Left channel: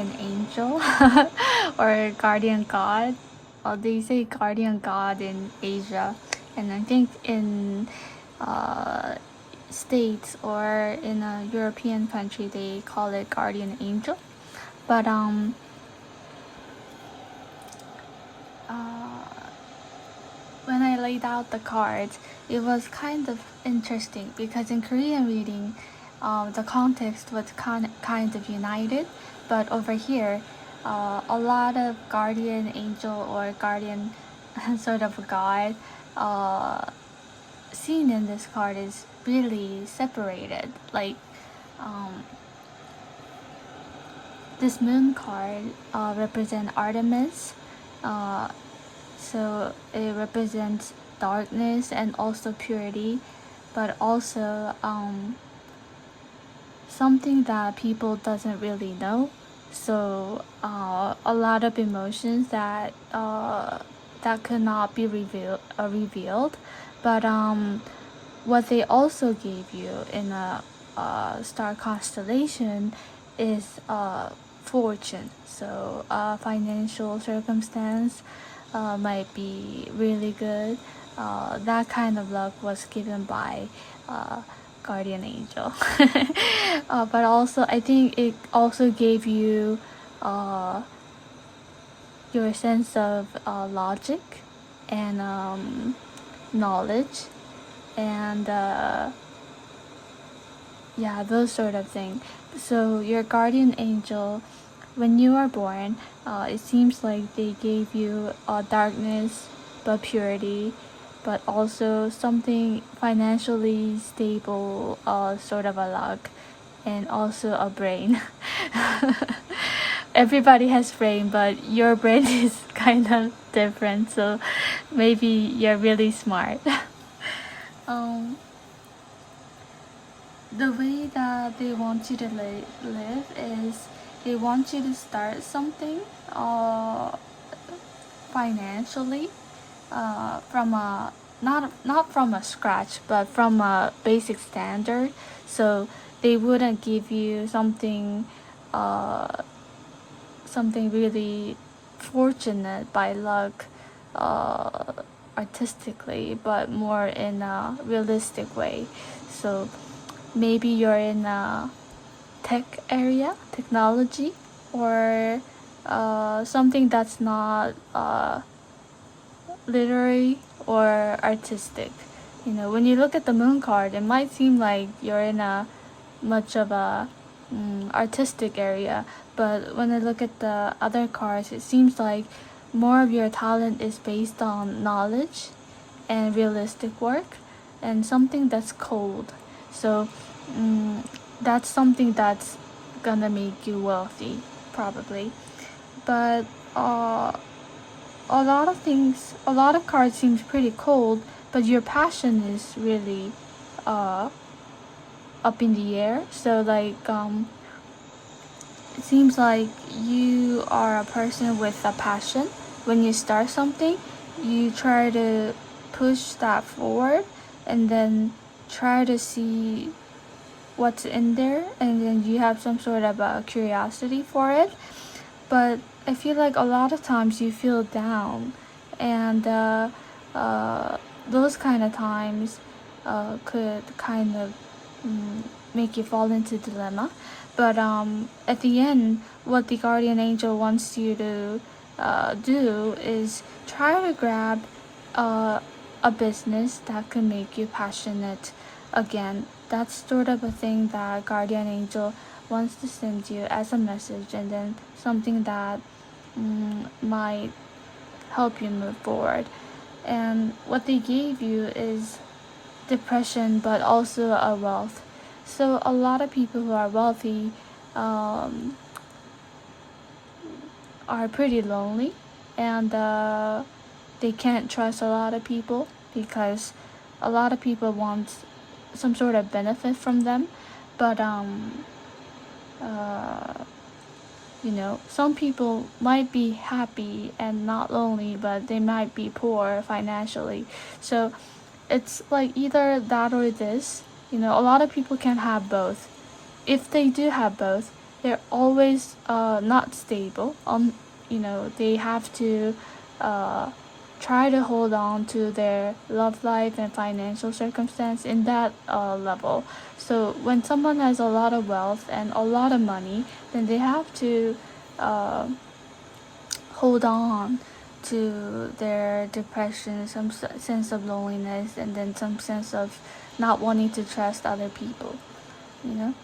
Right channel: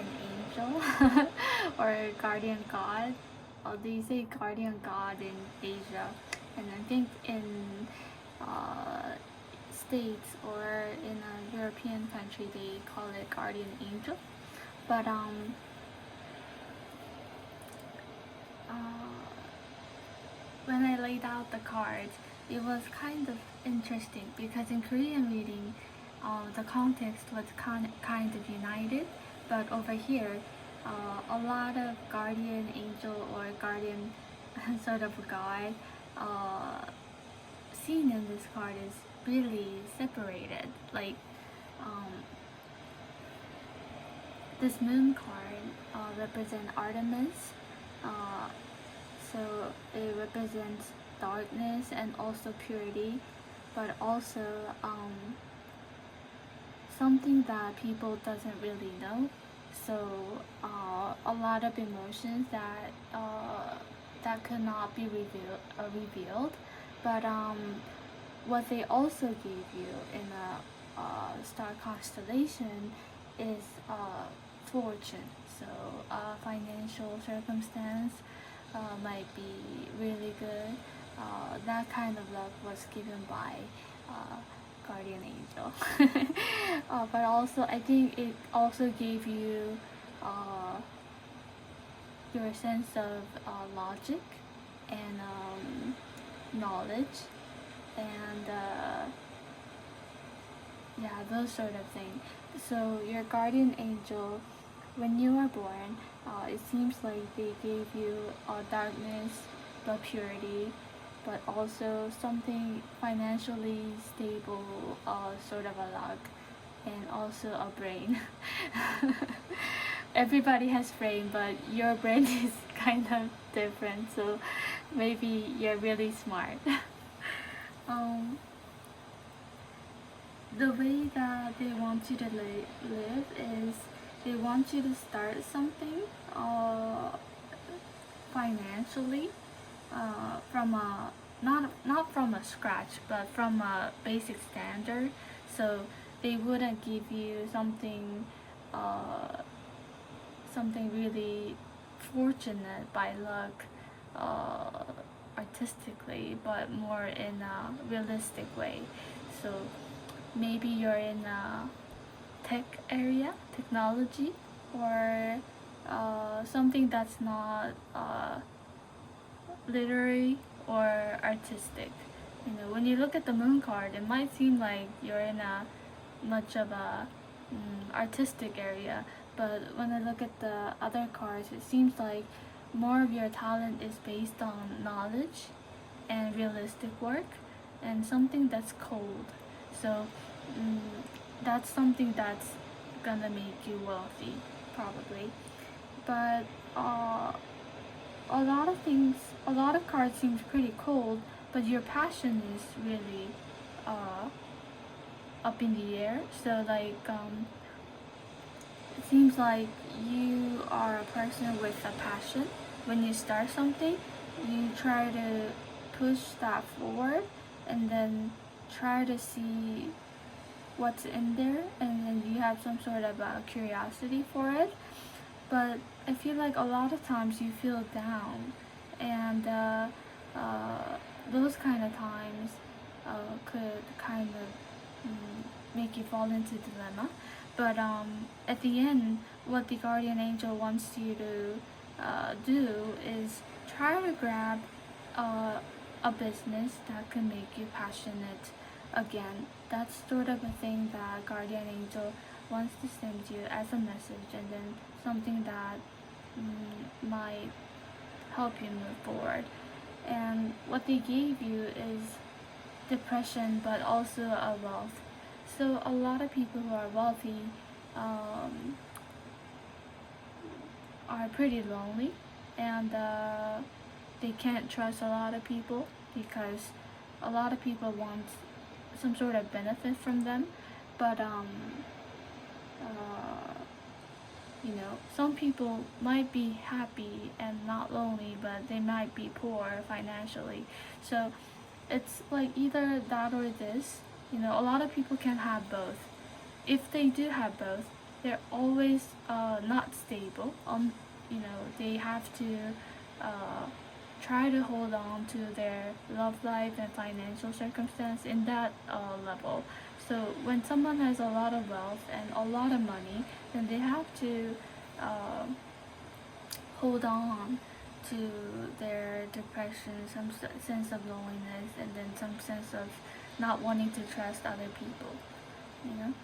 guardian angel or guardian god. They say guardian god in Asia, and I think in uh, States or in a European country they call it guardian angel. But uh, when I laid out the cards, it was kind of interesting because in Korean reading, the context was kind of united, but over here, a lot of guardian angel or guardian sort of god uh, seen in this card is really separated. Like um, this moon card represents Artemis. Uh, so it represents darkness and also purity, but also something that people doesn't really know. So a lot of emotions that could not be revealed. But what they also gave you in a star constellation is fortune. So financial circumstance might be really good. That kind of luck was given by guardian angel. But also, I think it also gave you your sense of logic and knowledge and yeah, those sort of thing. So your guardian angel, when you are born, it seems like they gave you darkness but purity, but also something financially stable, sort of a luck, and also a brain. Everybody has brain, but your brain is kind of different, so maybe you're really smart. um, the way that they want you to live is they want you to start something uh, financially from a not from a scratch but from a basic standard. So they wouldn't give you uh, something really fortunate by luck uh, artistically, but more in a realistic way. So maybe you're in a tech area, technology, or something that's not literary or artistic. You know, when you look at the moon card, it might seem like you're in a much of a artistic area, but when I look at the other cards, it seems like more of your talent is based on knowledge and realistic work and something that's cold. So mm, that's something that's gonna make you wealthy, probably. But a lot of cards seems pretty cold, but your passion is really uh, up in the air. So like it seems like you are a person with a passion. When you start something, you try to push that forward and then try to see what's in there, and then you have some sort of a curiosity for it. But I feel like a lot of times you feel down, and uh, those kind of times could kind of make you fall into dilemma. But at the end, what the guardian angel wants you to do is try to grab uh, a business that could make you passionate again. That's sort of a thing that guardian angel wants to send you as a message, and then something that might help you move forward. And what they gave you is depression, but also a wealth. So a lot of people who are wealthy um, are pretty lonely, and they can't trust a lot of people because a lot of people want some sort of benefit from them. But uh, you know, some people might be happy and not lonely, but they might be poor financially. So it's like either that or this. You know, a lot of people can have both. If they do have both, they're always not stable. They have to try to hold on to their love life and financial circumstance in that level. So when someone has a lot of wealth and a lot of money, then they have to uh, hold on to their depression, some sense of loneliness, and then some sense of not wanting to trust other people. You know,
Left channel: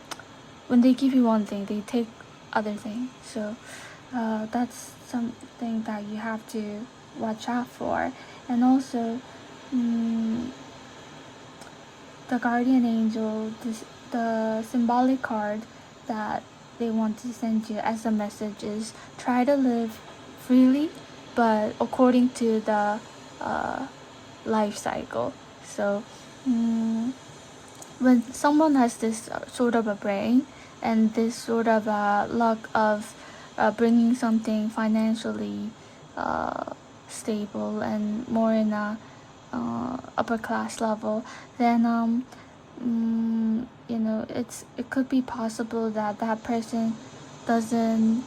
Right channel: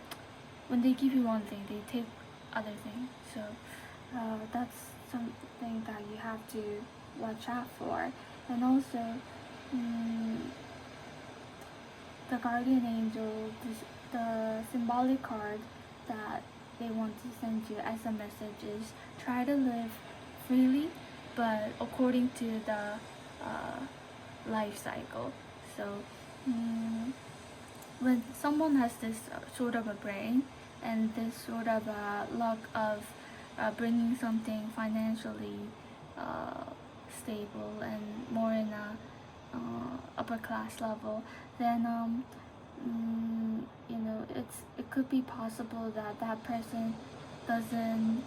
when they give you one thing, they take other things. So that's something that you have to watch out for. And also, mm, the guardian angel, the symbolic card that they want to send you as a message is try to live freely, but according to the uh, life cycle. So, when someone has this sort of a brain and this sort of luck of bringing something financially uh, stable and more in a upper class level, then it could be possible that that person doesn't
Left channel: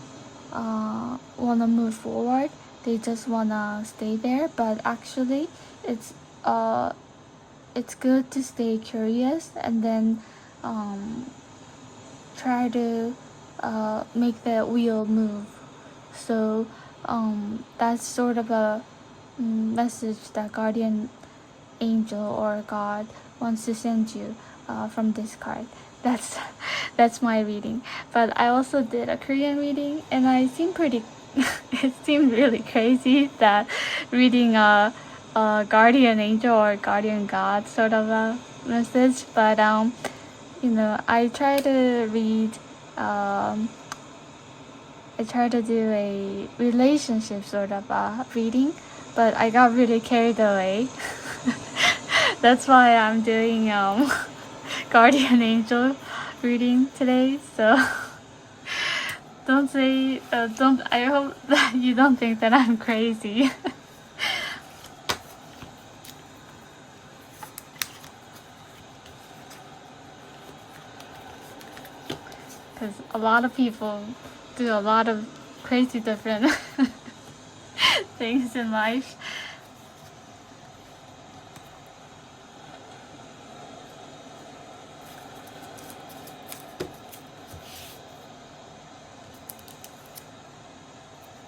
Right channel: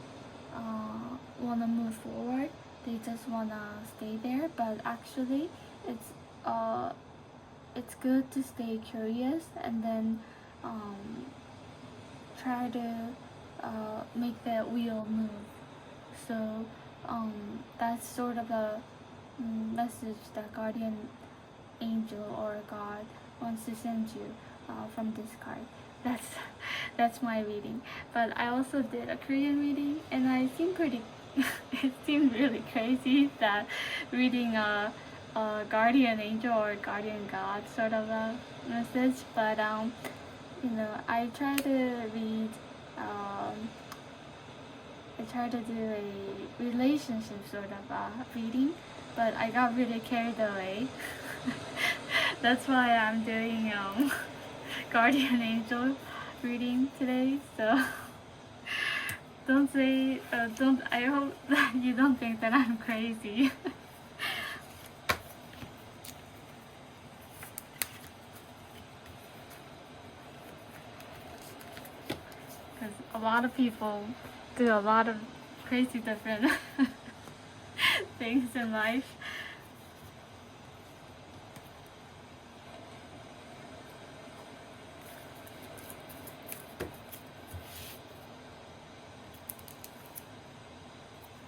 want to move forward. They just want to stay there, but actually it's uh it's good to stay curious and then um, try to make the wheel move. So that's sort of a message that guardian angel or God wants to send you from this card. That's that's my reading. But I also did a Korean reading, and I seemed pretty. It seemed really crazy that reading a guardian angel or guardian God sort of a message. But I try to read. Um, I try to do a relationship sort of reading, but I got really carried away. That's why I'm doing guardian angel reading today. So don't. I hope that you don't think that I'm crazy. Because a lot of people do a lot of crazy different things in life.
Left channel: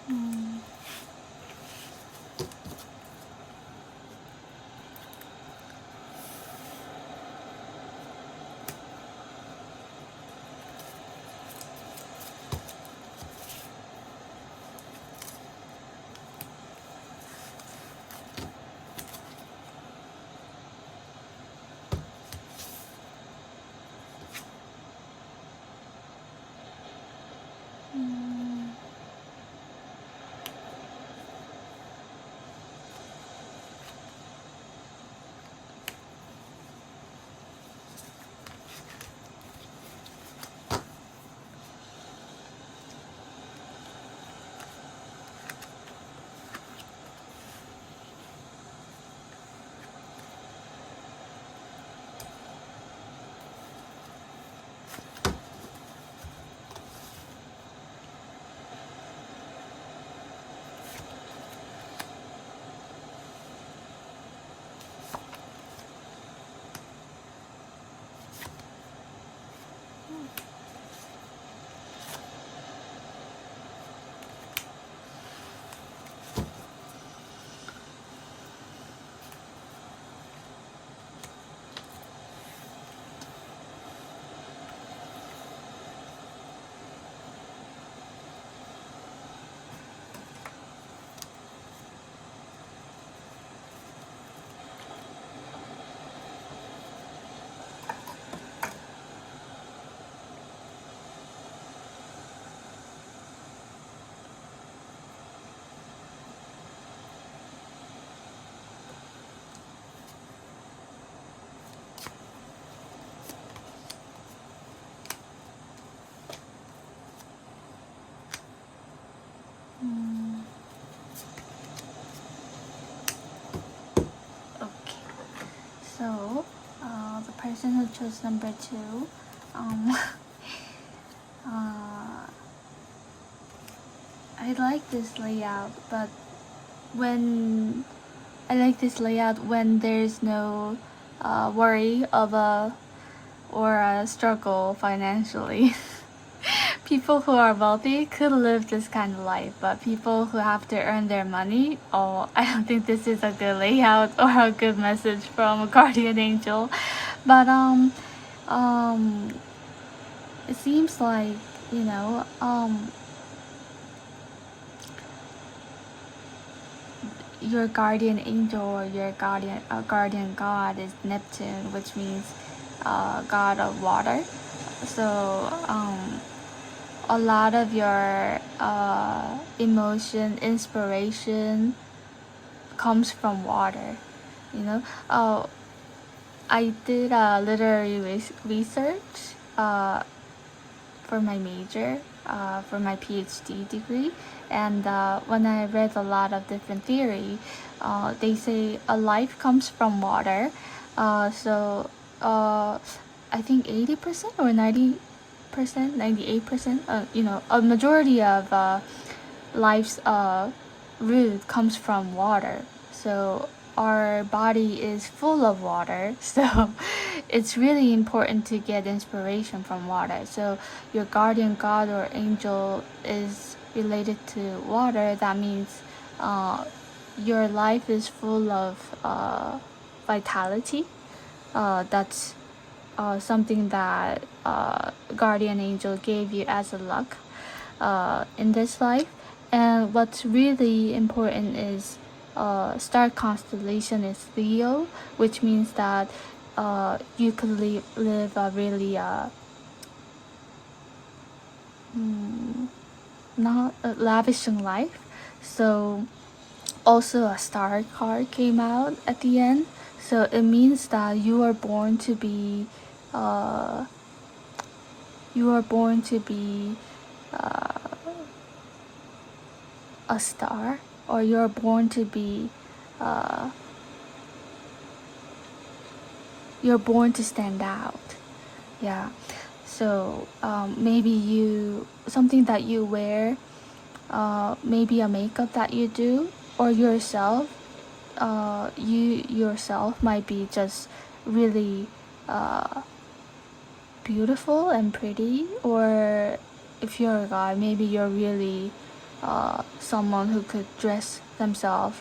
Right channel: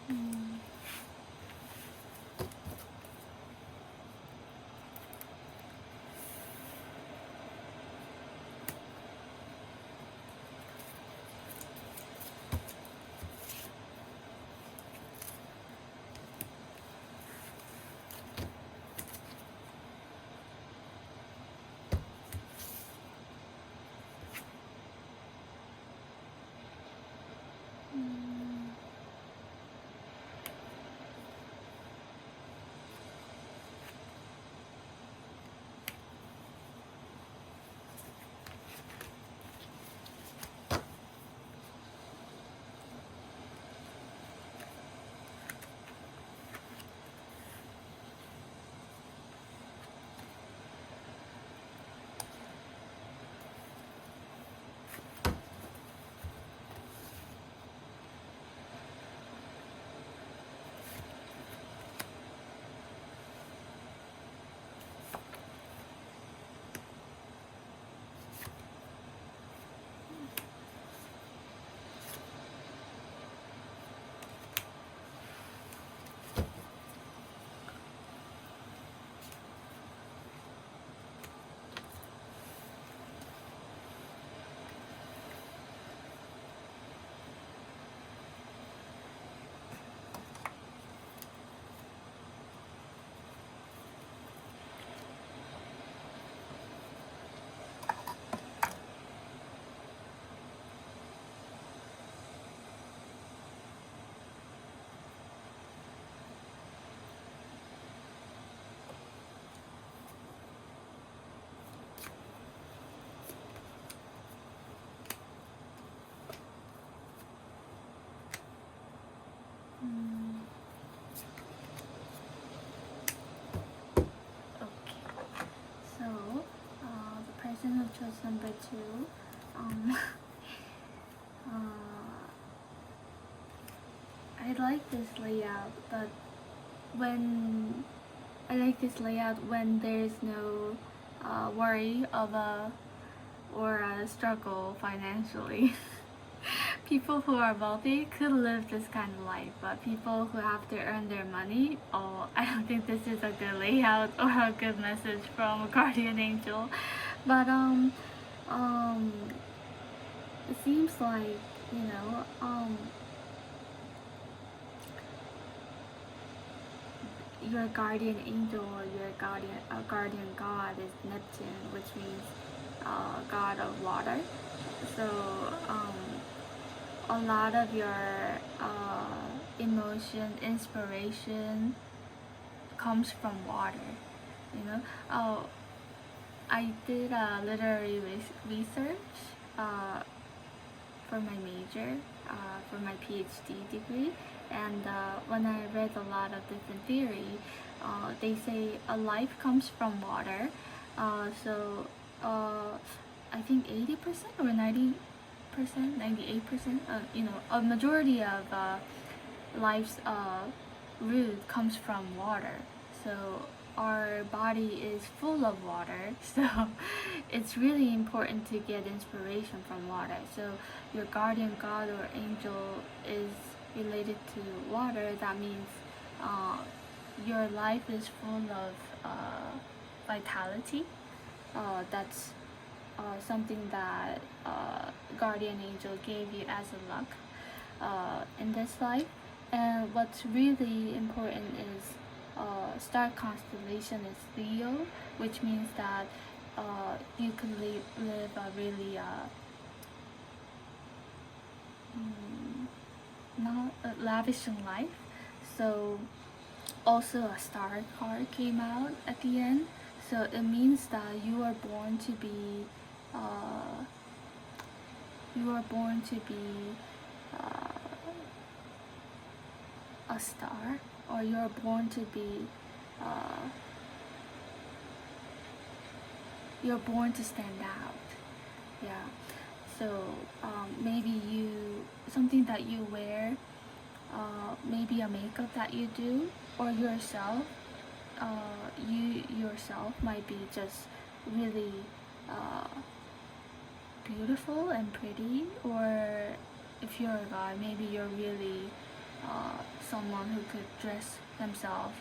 Mm. Mm. Mm. Okay. So, the person who chose number 2, um, I like this layout, but when I like this layout when there's no worry of a or a struggle financially. People who are wealthy could live this kind of life, but people who have to earn their money, oh, I don't think this is a good layout or a good message from a guardian angel. But it seems like, you know, your guardian angel or your guardian god is Neptune, which means god of water. So a lot of your emotion, inspiration comes from water. You know, I did literary research for my major, for my PhD degree, and when I read a lot of different theory, they say a life comes from water. So I think 80% or 90%, 98%, a majority of life's root comes from water. So our body is full of water, so it's really important to get inspiration from water. So your guardian god or angel is related to water. That means your life is full of vitality. That's something that guardian angel gave you as a luck in this life. And what's really important is star constellation is Leo, which means that you could live a really not a lavishing life. So also a star card came out at the end, so it means that you are born to be uh, a star, or you're born to be you're born to stand out. Yeah. So maybe something that you wear, maybe a makeup that you do, or yourself, you yourself might be just really beautiful and pretty. Or if you're a guy, maybe you're really someone who could dress themselves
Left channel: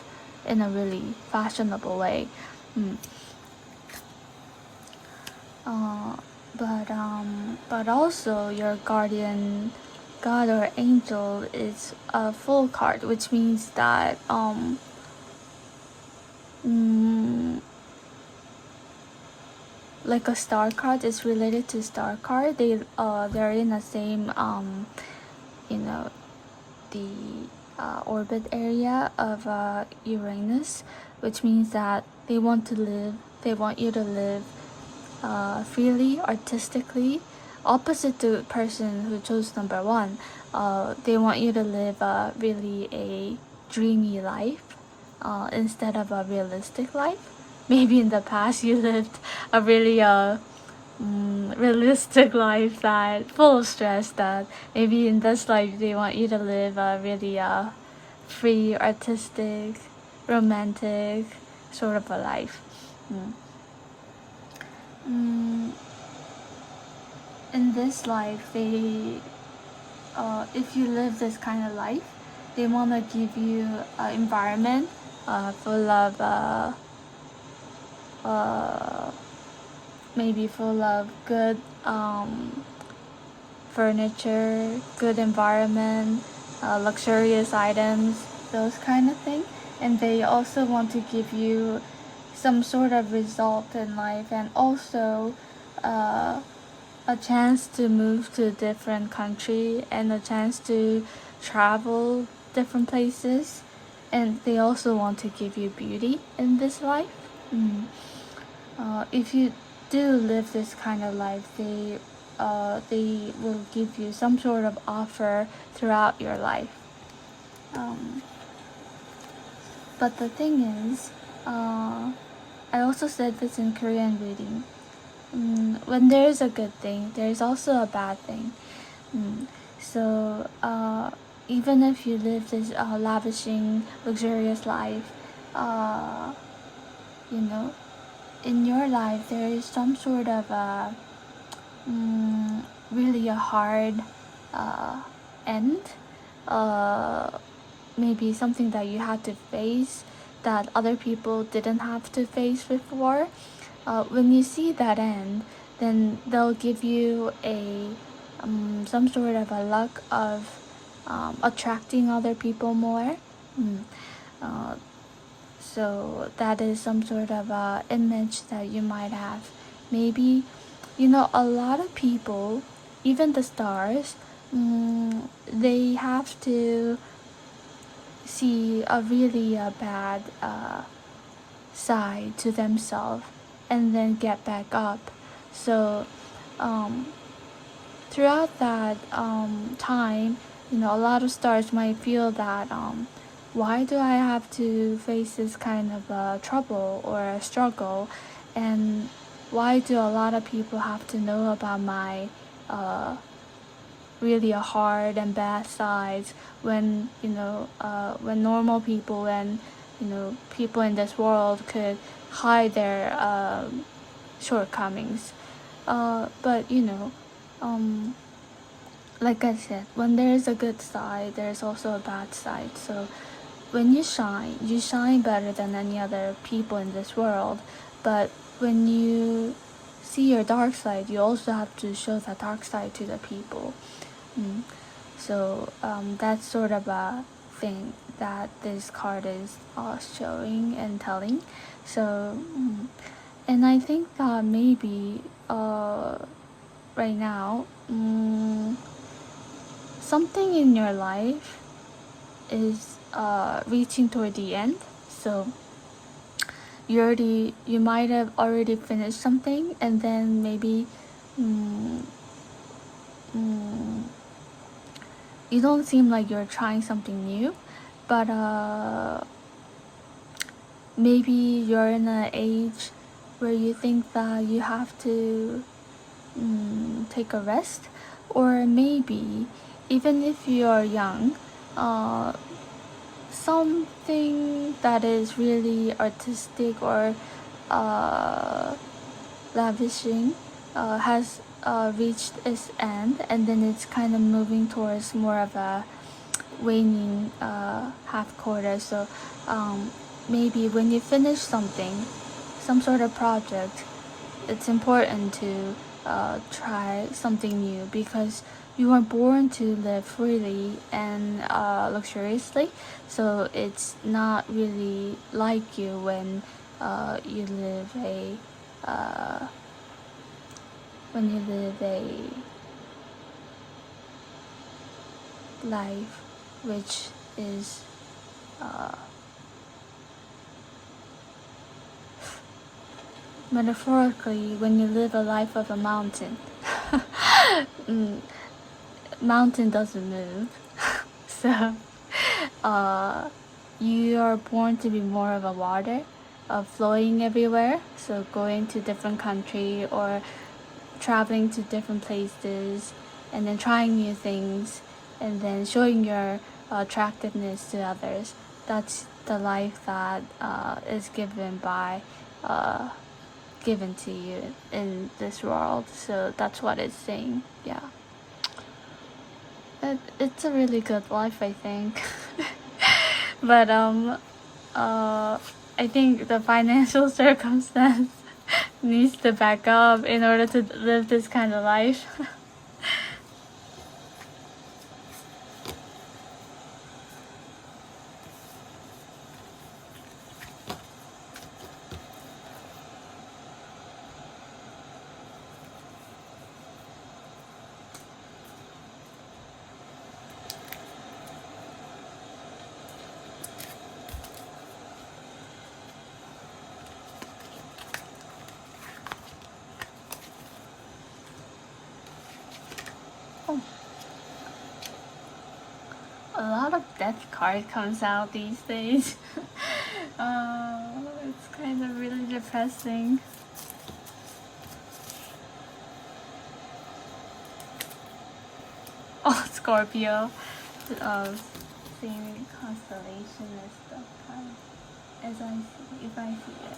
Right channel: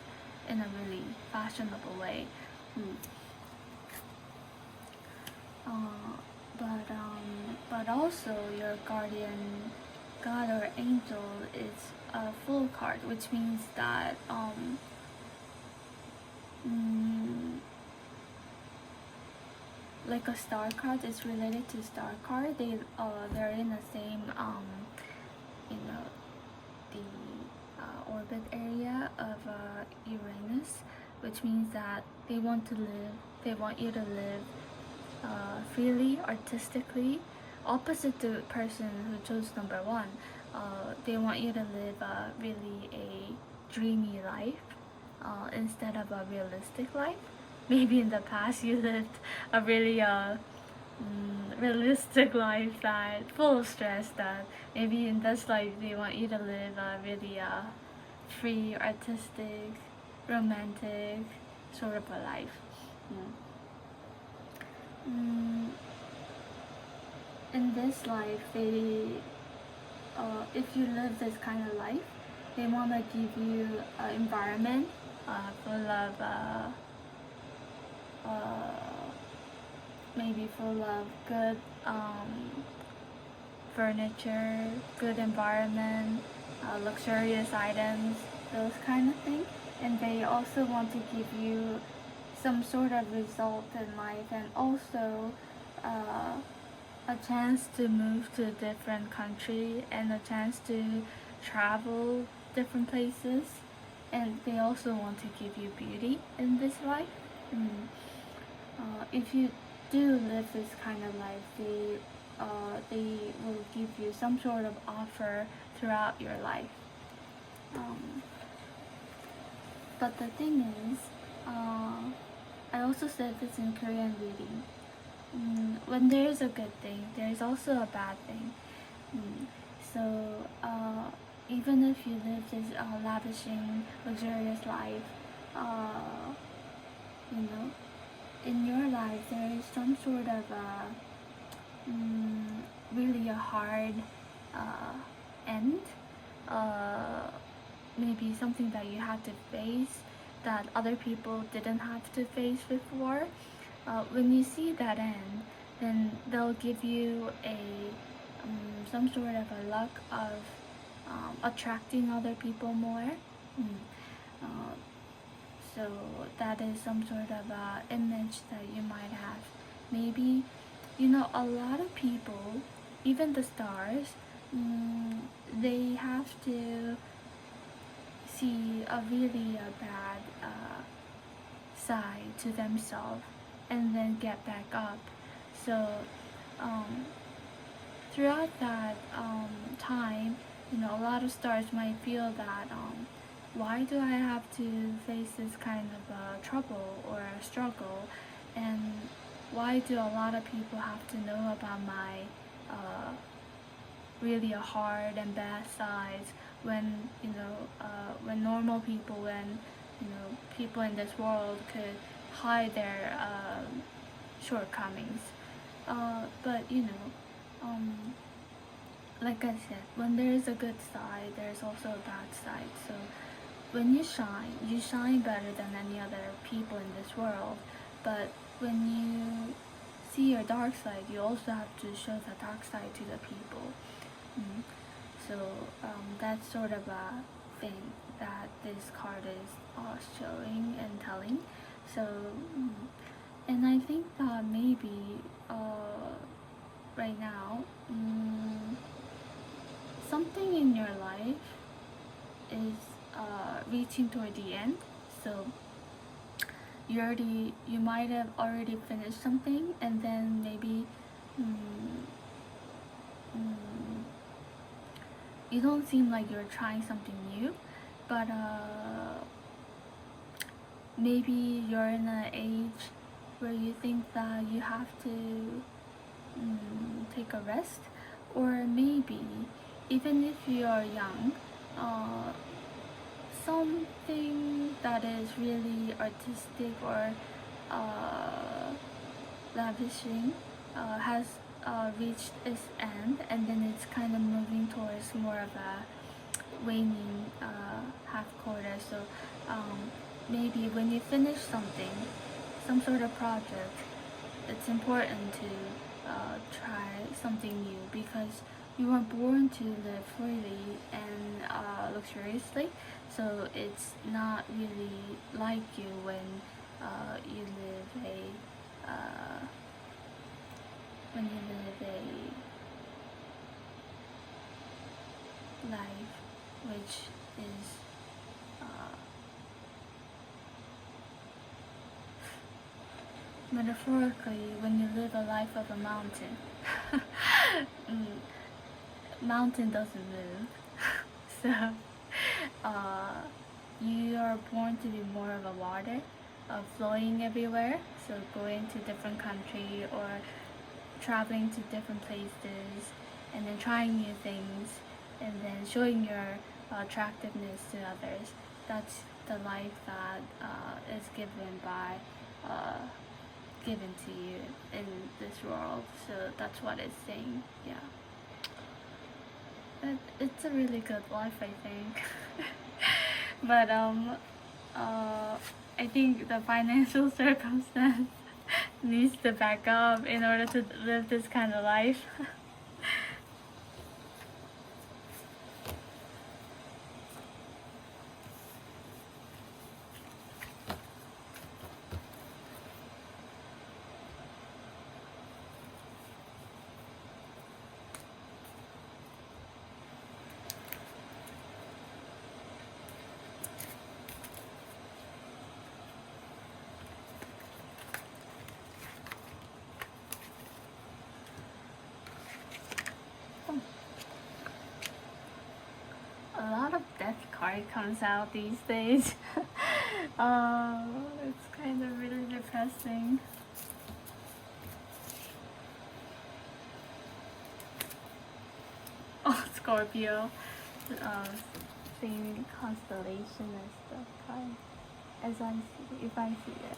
in a really fashionable way. Mm. But also your guardian god or angel is a full card, which means that like a star card is related to star card. They're in the same you know the orbit area of Uranus, which means that they want you to live freely, artistically, opposite to the person who chose number one. They want you to live really a dreamy life instead of a realistic life. Maybe in the past you lived a really realistic life that full of stress, that maybe in this life they want you to live a really free, artistic, romantic sort of a life. In this life, if you live this kind of life, they want to give you an environment full of maybe full of good furniture, good environment, luxurious items, those kind of things. And they also want to give you some sort of result in life, and also a chance to move to a different country and a chance to travel different places. And they also want to give you beauty in this life. If you do live this kind of life, they will give you some sort of offer throughout your life. But the thing is, I also said this in Korean reading. When there is a good thing, there is also a bad thing. So even if you live this lavishing, luxurious life, uh, you know, in your life there is some sort of really a hard end, uh, maybe something that you had to face that other people didn't have to face before. When you see that end, then they'll give you a some sort of a luck of attracting other people more. Mm. Uh, so that is some sort of a image that you might have. Maybe, a lot of people, even the stars, they have to see a really bad side to themselves and then get back up. So um, throughout that time, a lot of stars might feel that why do I have to face this kind of trouble or a struggle, and why do a lot of people have to know about my really hard and bad sides when when normal people and people in this world could hide their shortcomings. But um, like I said, when there's a good side, there's also a bad side. So when you shine better than any other people in this world. But when you see your dark side, you also have to show that dark side to the people. So that's sort of a thing that this card is showing and telling. So, and I think that maybe right now, something in your life is reaching toward the end. So you might have already finished something, and then maybe mm, mm, you don't seem like you're trying something new, but maybe you're in an age where you think that you have to take a rest, or maybe even if you are young, something that is really artistic or lavishing has reached its end, and then it's kind of moving towards more of a waning half quarter. So maybe when you finish something, some sort of project, it's important to try something new, because you were born to live freely and luxuriously. So it's not really like you when you live uh, a life which is uh, metaphorically, when you live a life of a mountain. Mountain doesn't move. So you are born to be more of a water, flowing everywhere. So going to different country or traveling to different places, and then trying new things, and then showing your attractiveness to others. That's the life that is given to you in this world. So that's what it's saying. Yeah, it's a really good life, I think. But I think the financial circumstance needs to back up in order to live this kind of life. Oh, a lot of death card comes out these days. It's kind of really depressing. Scorpio, same constellation as the card, as I see, if I see it.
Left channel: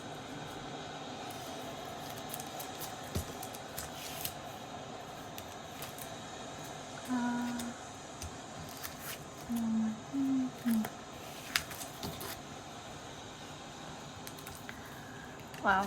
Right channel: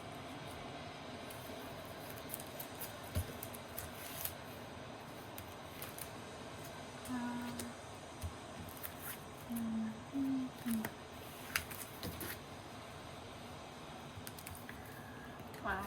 Wow.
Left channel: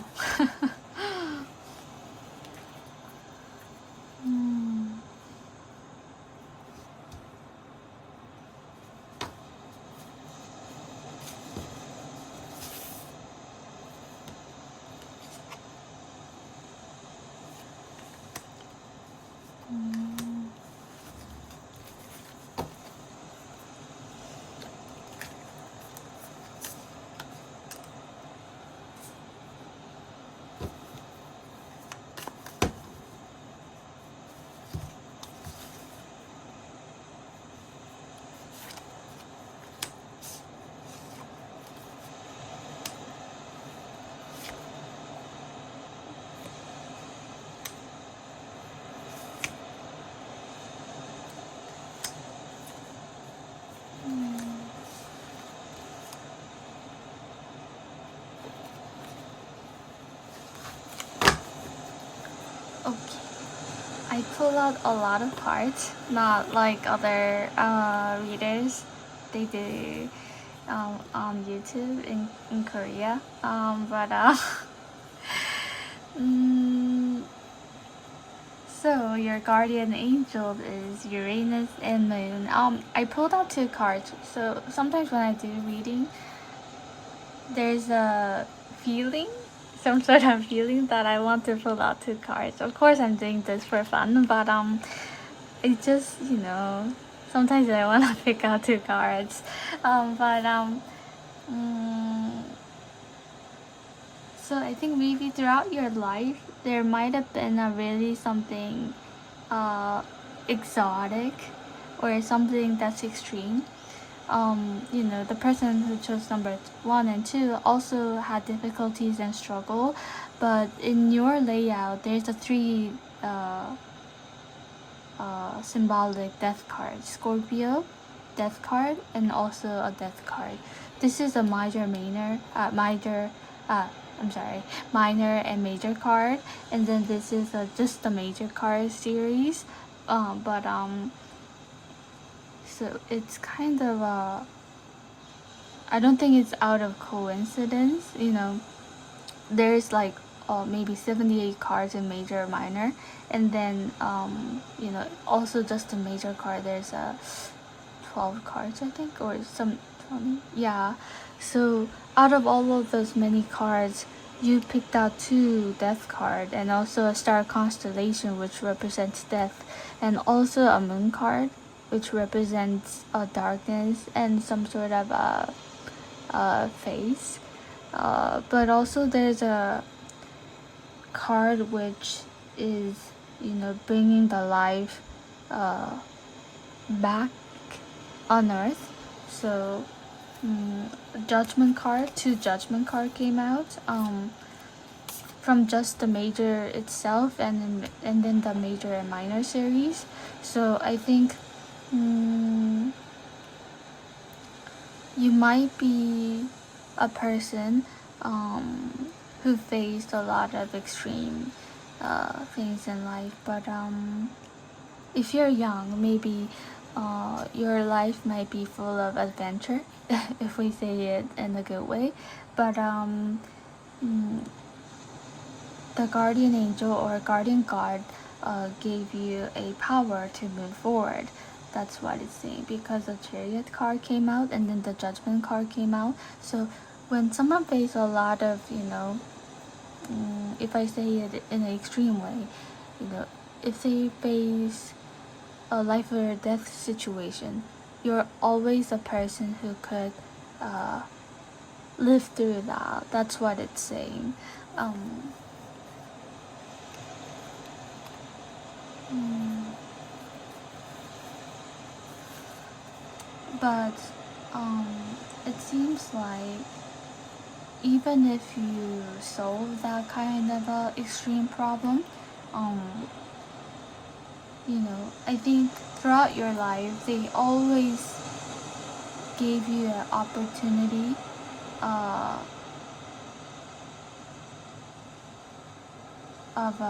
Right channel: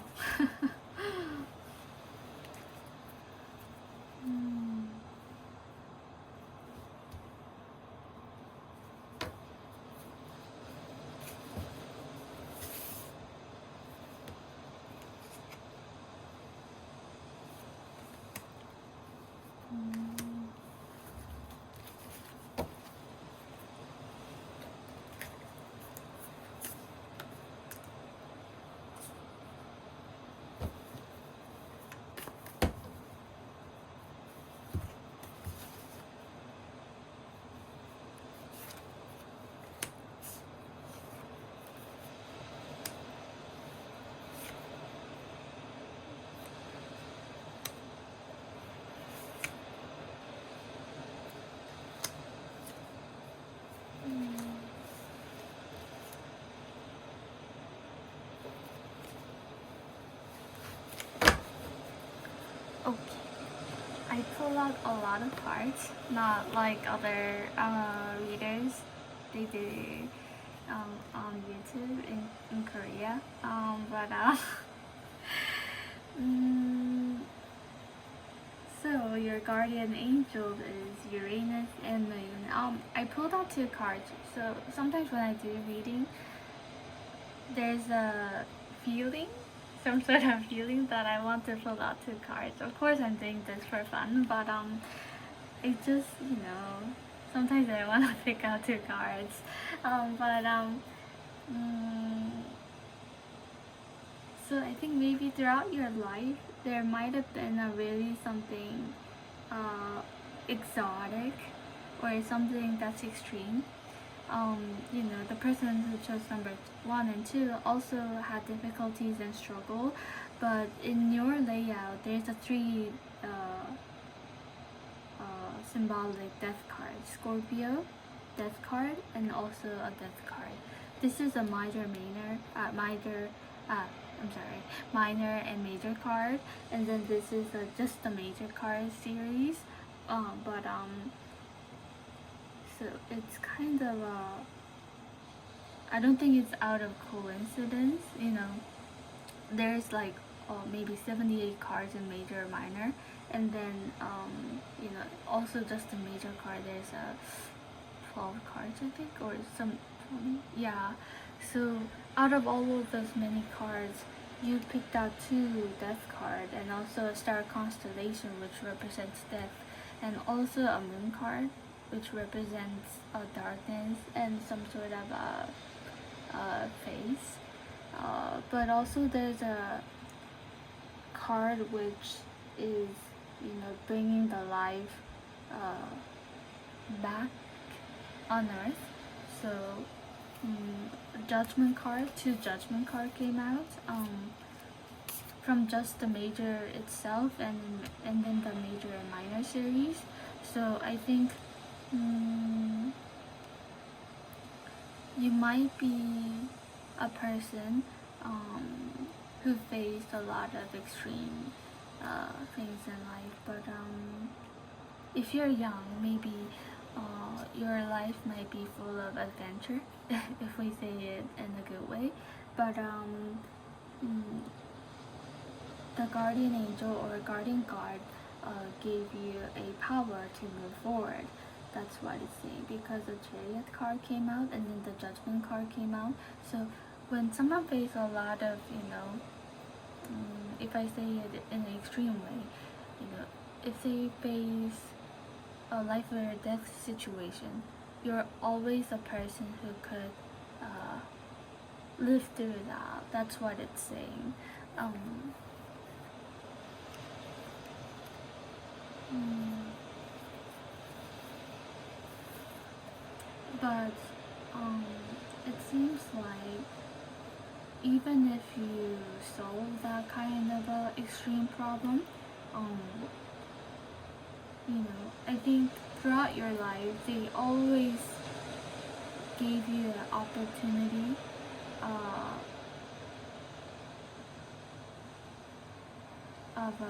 Okay, I pull out a lot of cards, not like other readers. They do on YouTube in Korea. But so your guardian angel is Uranus and Moon. I pulled out 2 cards. So sometimes when I do reading, there's a feeling, some sort of feeling that I want to pull out 2 cards. Of course, I'm doing this for fun, but it just, sometimes I want to pick out 2 cards. So I think maybe throughout your life, there might have been a really something exotic or something that's extreme. The person who chose number 1 and 2 also had difficulties and struggle, but in your layout, there's a 3 symbolic death card: Scorpio, death card, and also a death card. This is a minor and major card, and then this is just the major card series. So it's kind of I don't think it's out of coincidence. There's like maybe 78 cards in major or minor, and then also just the major card, there's 12 cards, I think, or some yeah. So out of all of those many cards, you picked out 2 death card, and also a star constellation, which represents death, and also a moon card, which represents darkness and some sort of face. But also there's a card which is bringing the life back on earth. So judgment card, 2 judgment card came out from just the major itself, and then the major and minor series. So I think you might be a person who faced a lot of extreme things in life, but if you're young, maybe your life might be full of adventure, if we say it in a good way. But the guardian angel or guardian guard gave you a power to move forward. That's what it's saying, because the chariot card came out and then the judgment card came out. So when someone faces a lot of, if I say it in an extreme way, if they face a life or death situation, you're always a person who could live through that. That's what it's saying. But it seems like even if you solve that kind of extreme problem, I think throughout your life they always gave you an opportunity uh, of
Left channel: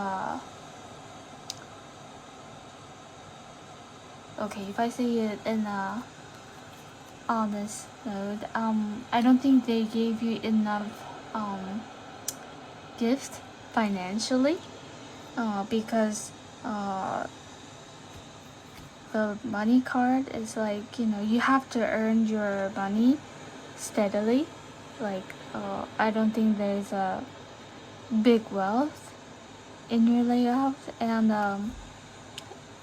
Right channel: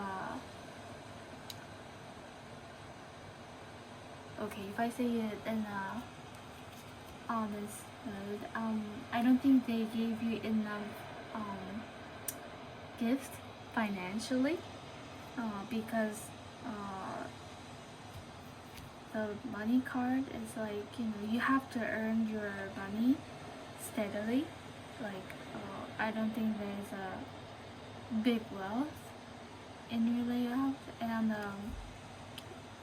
okay, if I say it in a honest note, I don't think they gave you enough um, gift financially, because the money card is like, you have to earn your money steadily. Like, I don't think there's a big wealth in your layout, and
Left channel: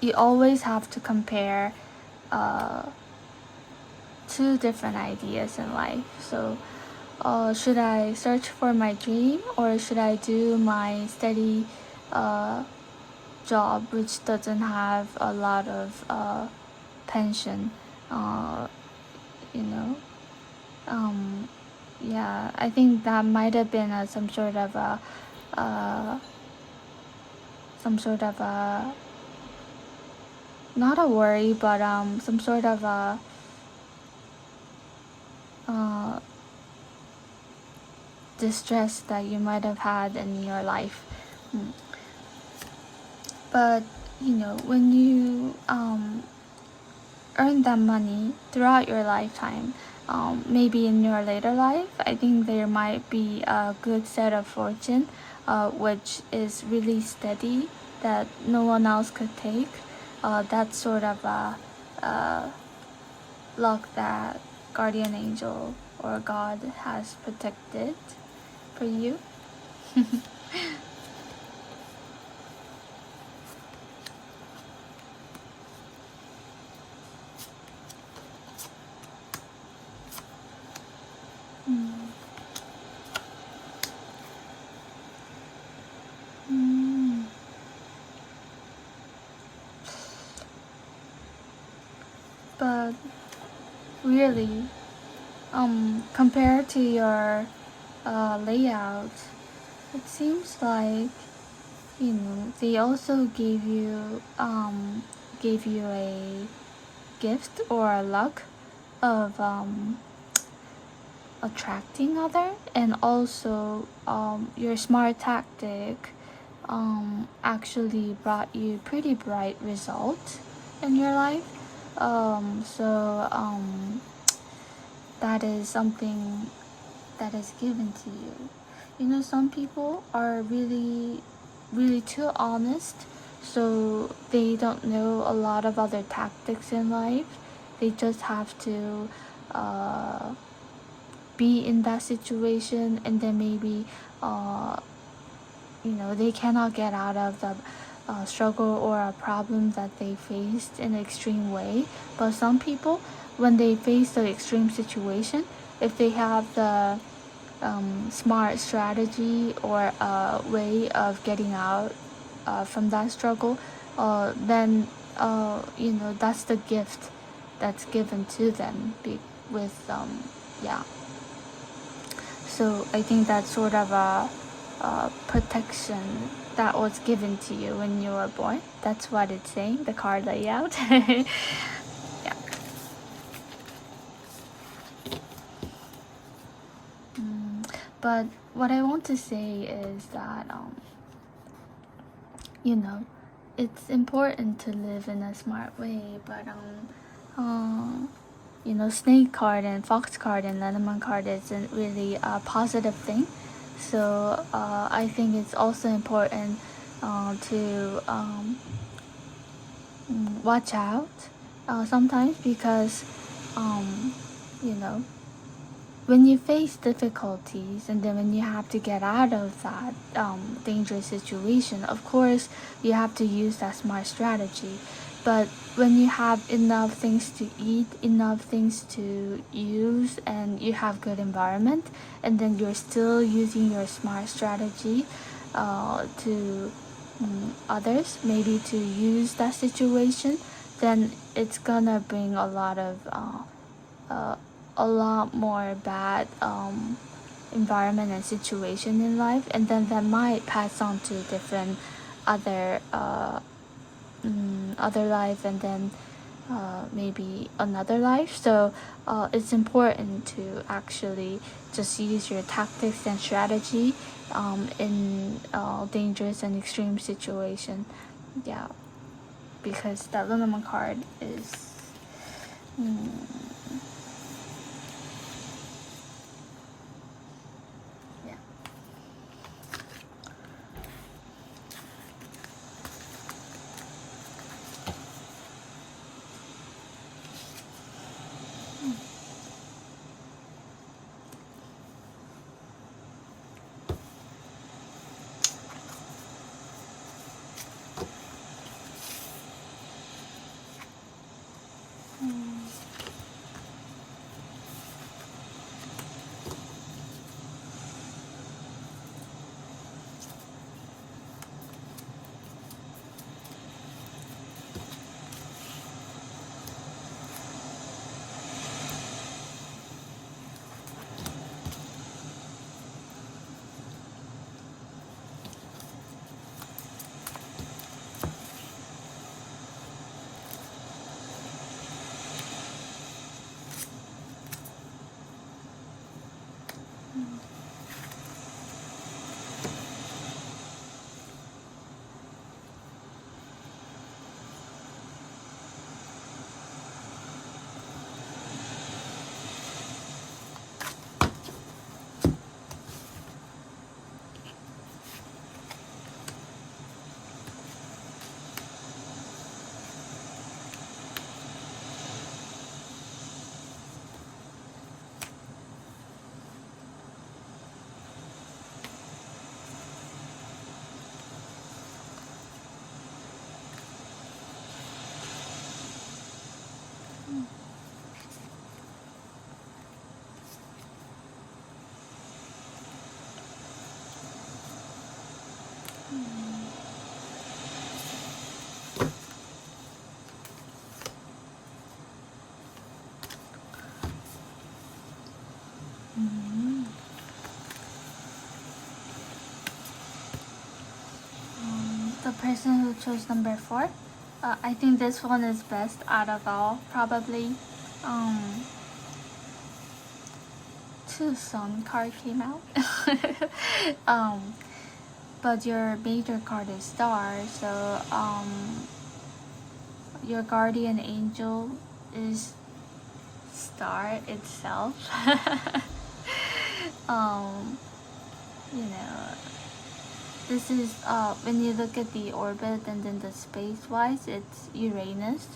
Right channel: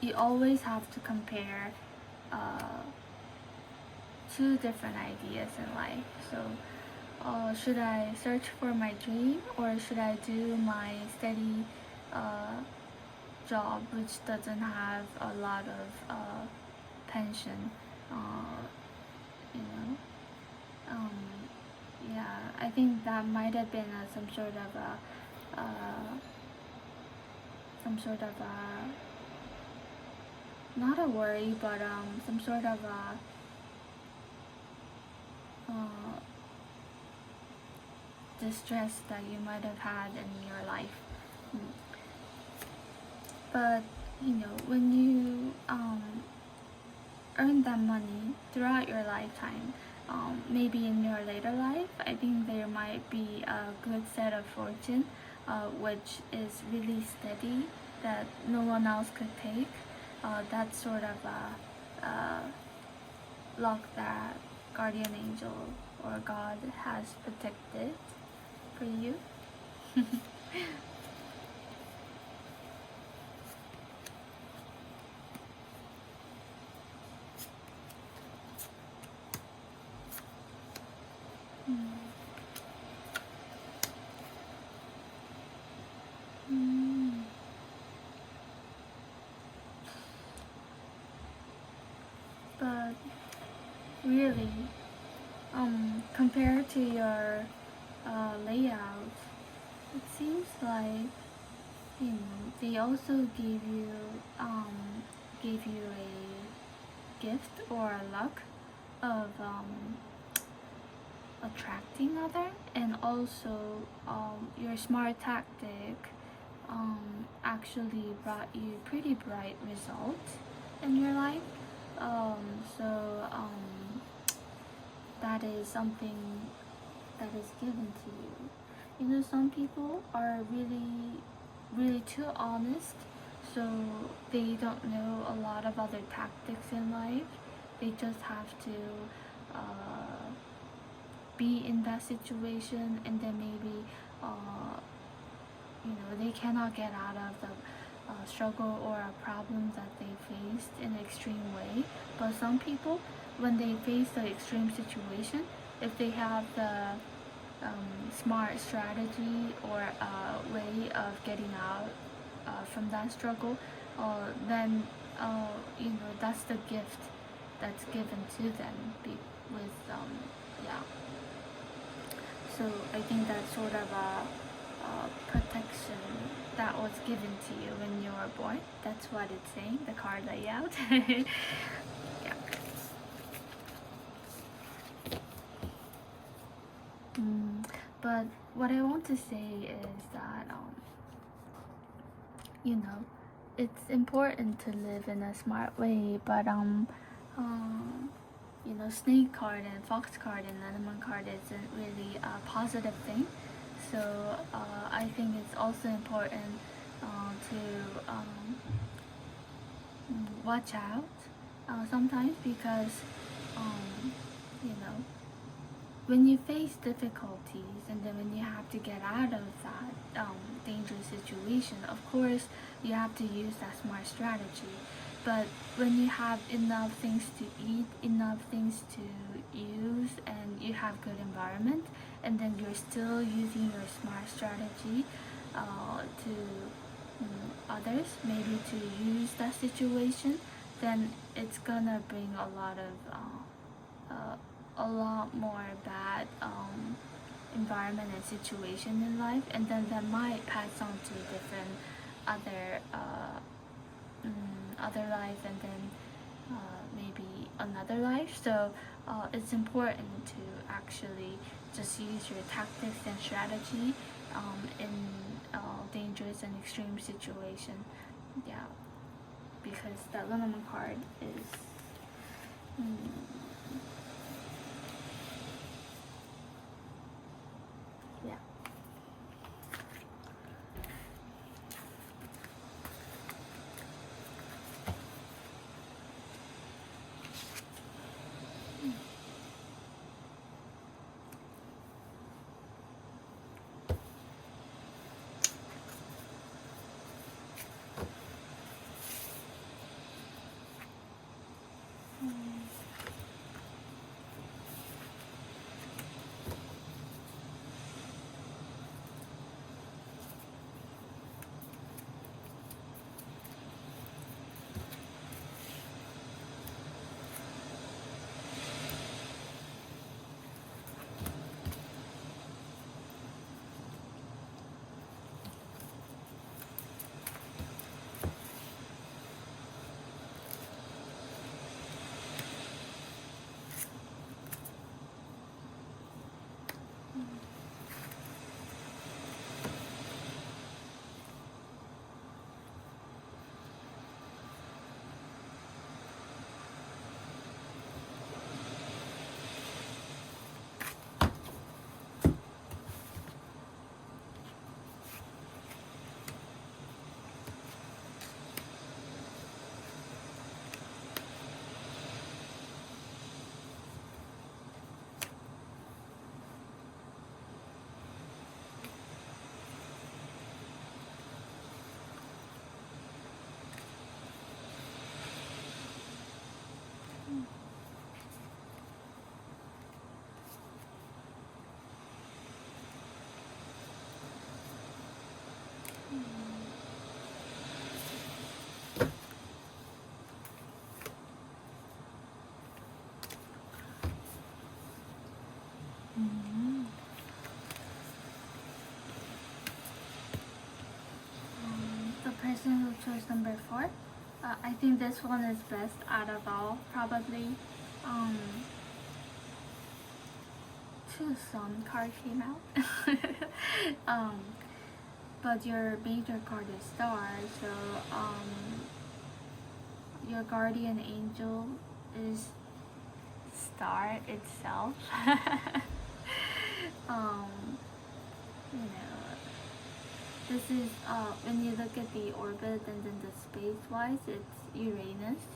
you always have to compare uh, two different ideas in life. So, should I search for my dream, or should I do my steady job which doesn't have a lot of pension? Uh, you know, yeah, I think that might have been uh, some sort of a not a worry, but some sort of a uh, distress that you might have had in your life. Mm. But when you earn that money throughout your lifetime, maybe in your later life, I think there might be a good set of fortune, which is really steady, that no one else could take. That sort of luck that guardian angel or God has protected for you. Mm. Mm. But really, compared to your layout, it seems like they also gave you a gift or a luck of attracting other, and also your smart tactic actually brought you pretty bright results in your life. So that is something that is given to you. Some people are really, really too honest, so they don't know a lot of other tactics in life. They just have to uh, be in that situation, and then maybe uh, they cannot get out of the struggle or a problem that they faced in an extreme way. But some people, when they face the extreme situation, if they have the smart strategy or a way of getting out from that struggle, then that's the gift that's given to them with yeah. So I think that's sort of a protection that was given to you when you were born. That's what it's saying, the card layout. Yeah. Mm, but what I want to say is that you know it's important to live in a smart way, but snake card and fox card and lemon card isn't really a positive thing. So I think it's also important to watch out sometimes, because um, you know when you face difficulties, and then when you have to get out of that dangerous situation, of course you have to use that smart strategy. But when you have enough things to eat, enough things to use, and you have good environment, and then you're still using your smart strategy to others, maybe to use that situation, then it's gonna bring uh, a lot more bad environment and situation in life, and then that might pass on to different other other life and then maybe another life. So it's important to actually just use your tactics and strategy in dangerous and extreme situation. Yeah, because that Lunaman card is yeah. The person who chose number 4, I think this one is best out of all, probably. Two Sun card came out. But your major card is Star, so your guardian angel is Star itself. You know, this is when you look at the orbit and then the space wise, it's Uranus,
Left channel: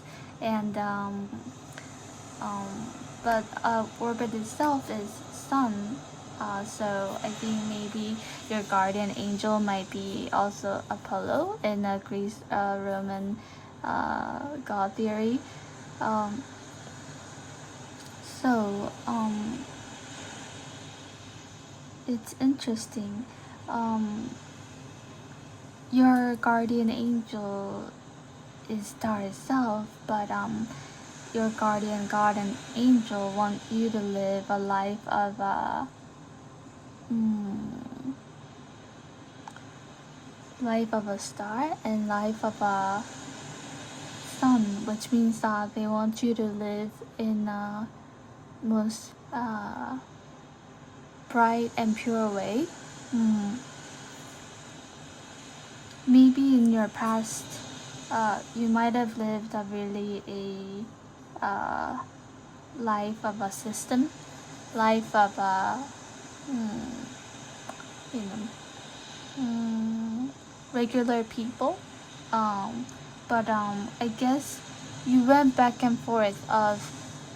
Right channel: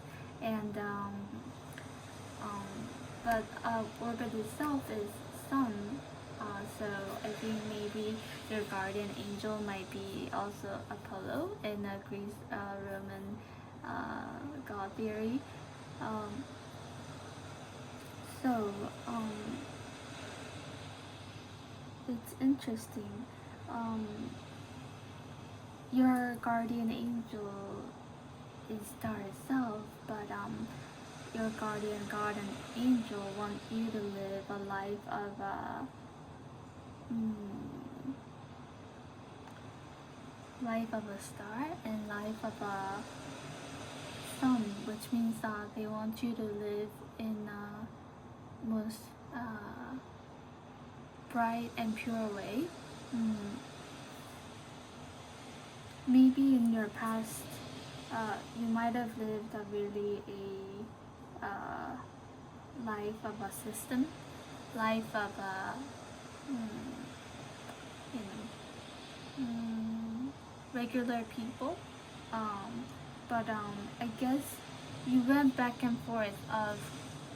and but orbit itself is Sun. So I think maybe your guardian angel might be also Apollo in a Greece Roman god theory. So it's interesting. Your guardian angel is Star itself, but your guardian god and angel want you to live a life of life of a star and life of a sun, which means that they want you to live in a most bright and pure way. Maybe in your past you might have lived a really life of a system, life of a you know, regular people, but I guess you went back and forth of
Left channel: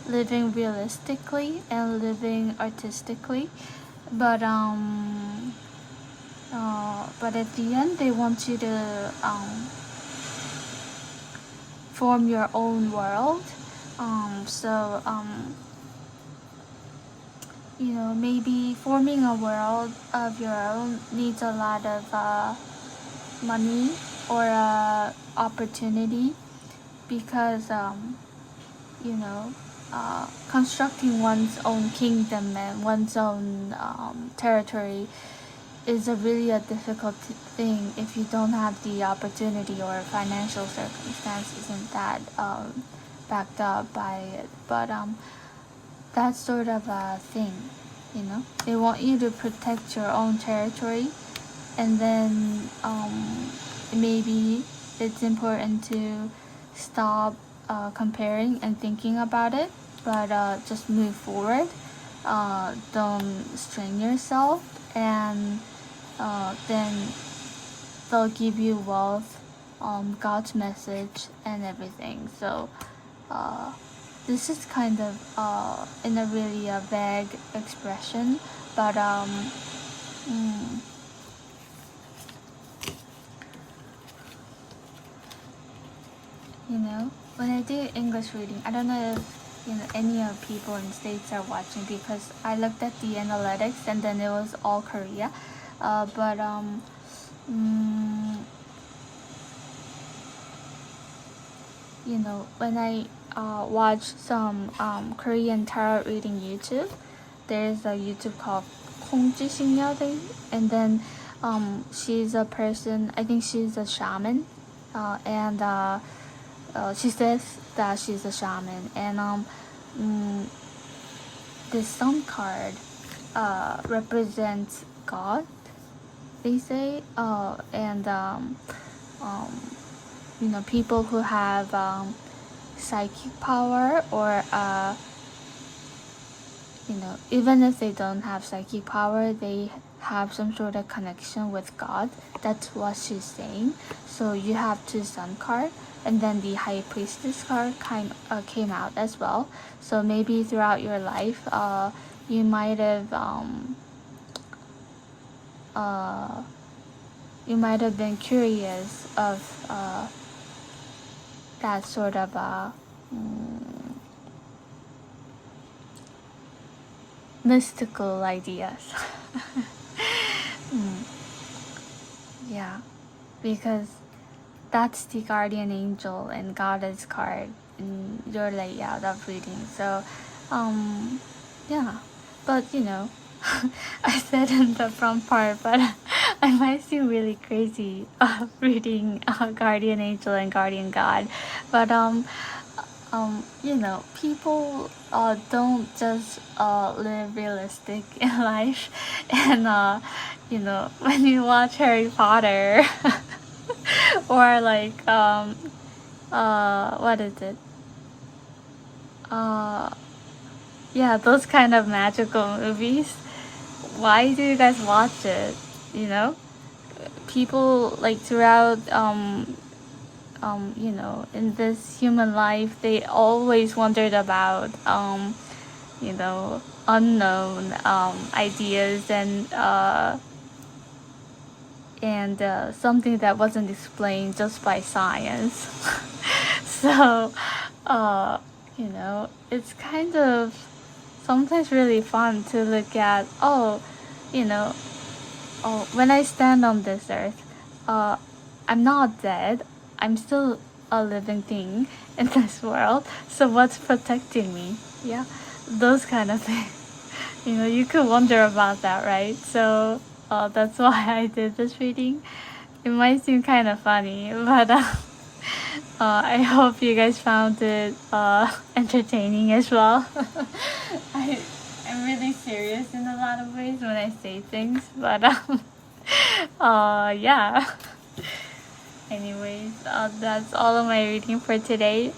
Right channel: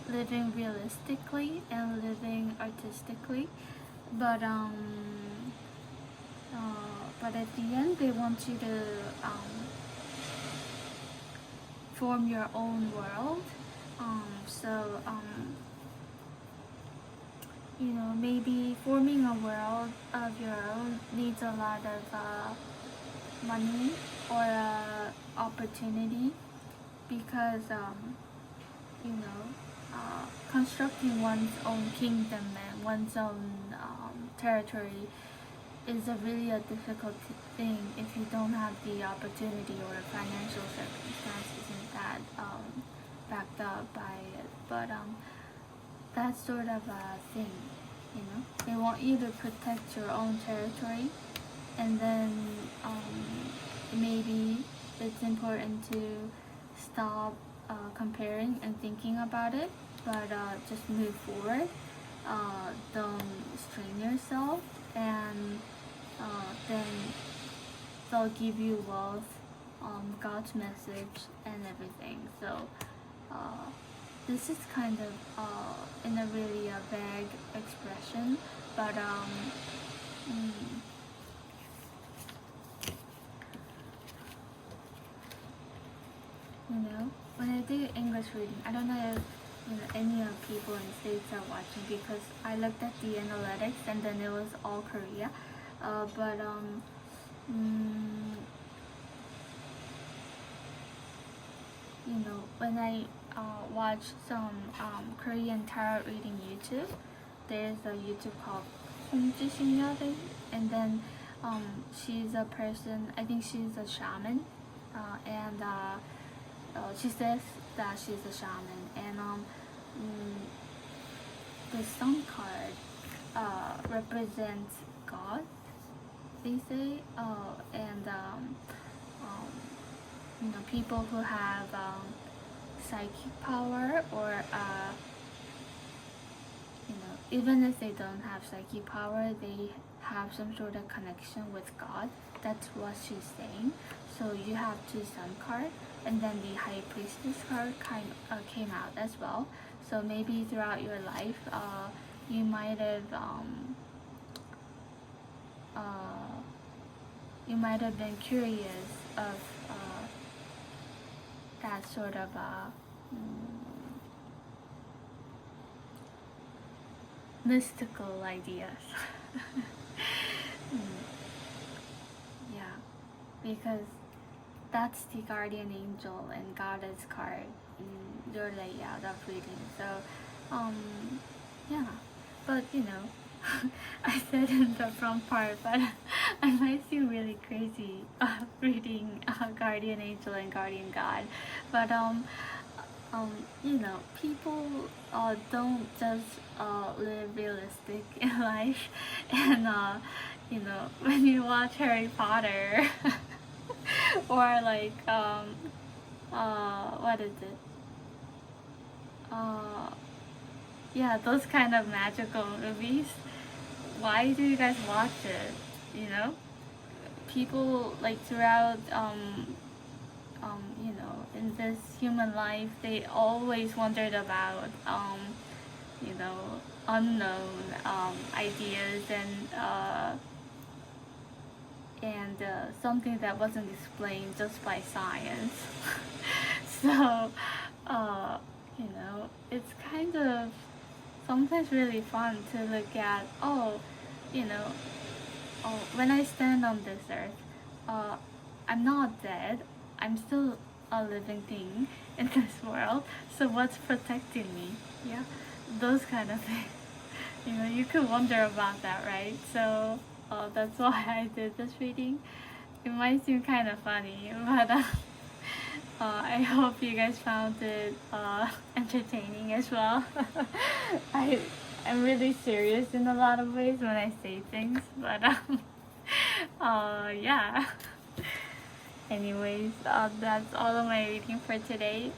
living realistically and living artistically, but at the end they want you to form your own world. So you know, maybe forming a world of your own needs a lot of money or opportunity, because you know, constructing one's own kingdom and one's own territory is a difficult thing if you don't have the opportunity or financial circumstances. And that backed up by it. But that's sort of a thing, you know. They want you to protect your own territory, and then maybe it's important to stop comparing and thinking about it, but just move forward. Don't strain yourself, and then they'll give you wealth, God's message, and everything. So this is kind of in a really vague expression, but you know, when I do English reading, I don't know if any of people in States are watching, because I looked at the analytics and then it was all Korea. But you know, when I watch some Korean tarot reading YouTube, there's a YouTube called 홍지신여대, and then she's a person, I think she's a shaman, and she says that she's a shaman, and the sun card represents God, they say, and you know, people who have psychic power, or you know, even if they don't have psychic power, they have some sort of connection with God. That's what she's saying. So you have two sun card, and then the high priestess card came out as well. So maybe throughout your life, you might have been curious of that sort of mystical ideas. Yeah, because that's the guardian angel and goddess card in your layout of reading. So yeah, but you know, I said in the front part, but I might seem really crazy reading guardian angel and guardian god. But you know, people don't just live realistic in life, and you know, when you watch Harry Potter or like what is it? Yeah, those kind of magical movies. Why do you guys watch it? You know, people like throughout you know, in this human life, they always wondered about you know, unknown ideas, and something that wasn't explained just by science. So you know, it's kind of sometimes really fun to look at, you know, when I stand on this earth, I'm not dead. I'm still a living thing in this world. So what's protecting me? Yeah, those kind of things. You know, you could wonder about that, right? So that's why I did this reading. It might seem kind of funny, but I hope you guys found it entertaining as well. I'm really serious in a lot of ways when I say things, but yeah. Anyways, that's all of my reading for today.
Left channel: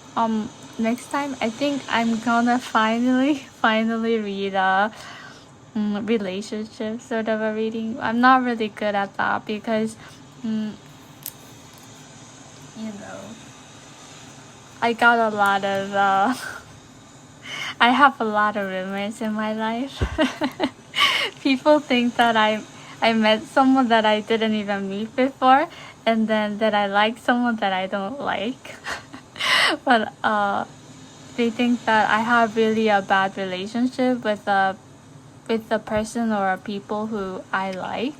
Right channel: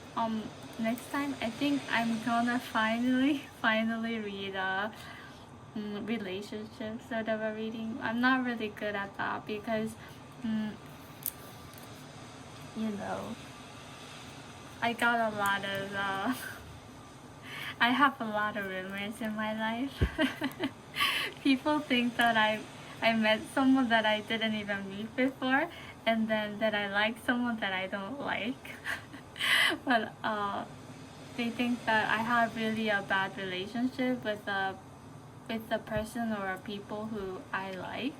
Next time I think I'm gonna finally read a relationship sort of a reading. I'm not really good at that because you know, I got a lot of I have a lot of roommates in my life. People think that I met someone that I didn't even meet before, and then that I like someone that I don't like. But they think that I have really a bad relationship with the person or people who I like.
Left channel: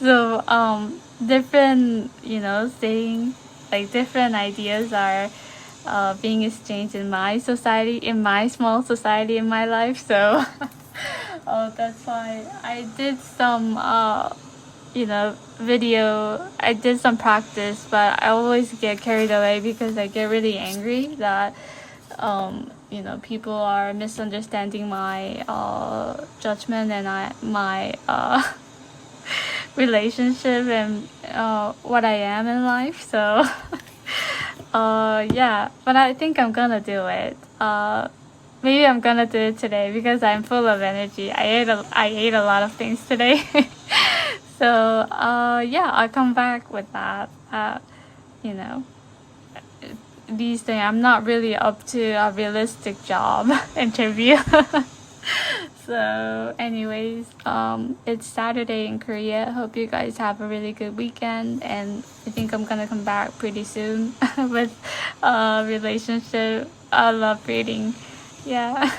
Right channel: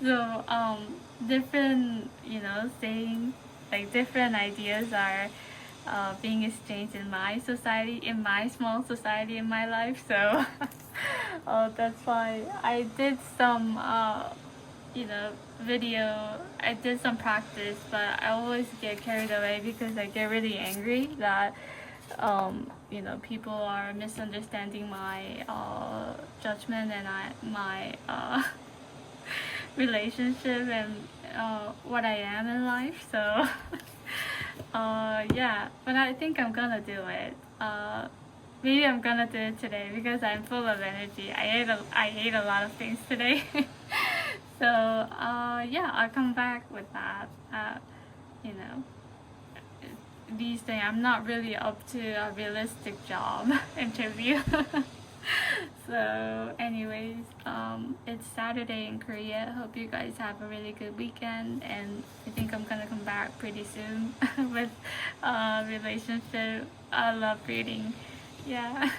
So different, you know, saying like different ideas are being exchanged in my society, in my small society in my life. So that's why I did some video, I did some practice, but I always get carried away because I get really angry that people are misunderstanding my judgment and my relationship and what I am in life. So yeah, but I think I'm gonna do it. Maybe I'm gonna do it today because I'm full of energy. I ate a lot of things today. So yeah, I'll come back with that. You know, these things, I'm not really up to a realistic job interview. So anyways, it's Saturday in Korea. Hope you guys have a really good weekend, and I think I'm gonna come back pretty soon with a relationship. I love reading. Yeah.